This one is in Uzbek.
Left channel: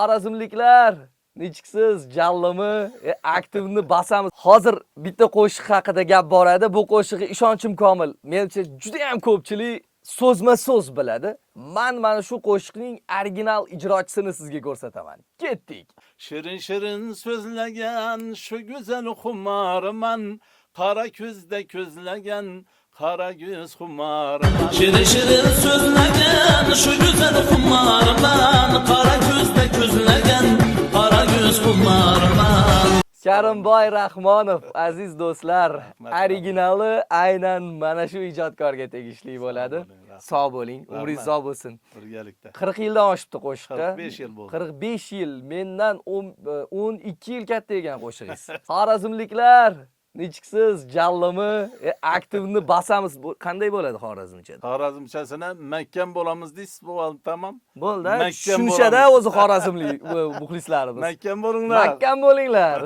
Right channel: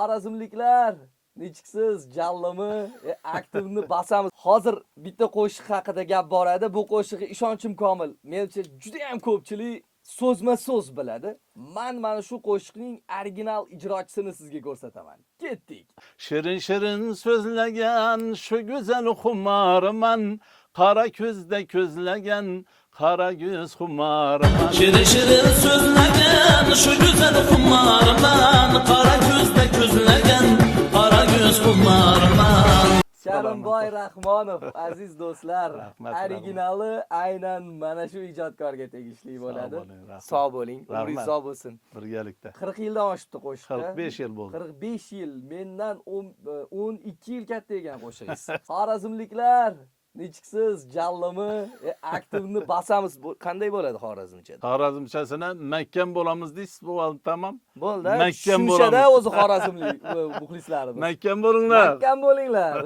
Xorazmliklar, nechiksiz? Jallimi? Aktivni basamiz. Hozir bitta qo'shiq haqida gap boradi. Bu qo'shiqqa ishonchim komil. Menimcha juda ham ko'pchilik so'zma-so'z biladi. Mana shu qo'shiqning original ijrochisini sizga ko'rsataman. Ketdik. Shirin shirin so'zlagan shu go'zal xumarman, qora ko'zda ko'zlagan qora ko'z xumarman. Shirin shirin so'zlagan shu go'zal xumarman, qora ko'zda ko'zlagan qora ko'z xumarman. Karimboy Rahmonov, aziz do'stlar, Rahmat, originali aynan mana shu ijodkorga tegishli bo'ladi. Sog' bo'ling, umringiz Rahmat. sog' bo'lsin. Birgalikda 40 yildan oshibdi qo'shiqda. 45 yil bo'ldi. 45 yil, mendan 12 yil katta ekan qo'shig'ingiz. Xorazmliklar, nechiksiz? Jallimi? Aktivni basamiz. Qanday bo'ladi xorazmchada? Xorazmchasini mahkam bo'lamiz deysiz, bo'ldi, tamam. Bo'ldi. Mahkam Tushunishada bo'lamiz. o'zi xorazmlik muxlislarimiz. Mahkam bo'linglar. Mahkam bo'linglar.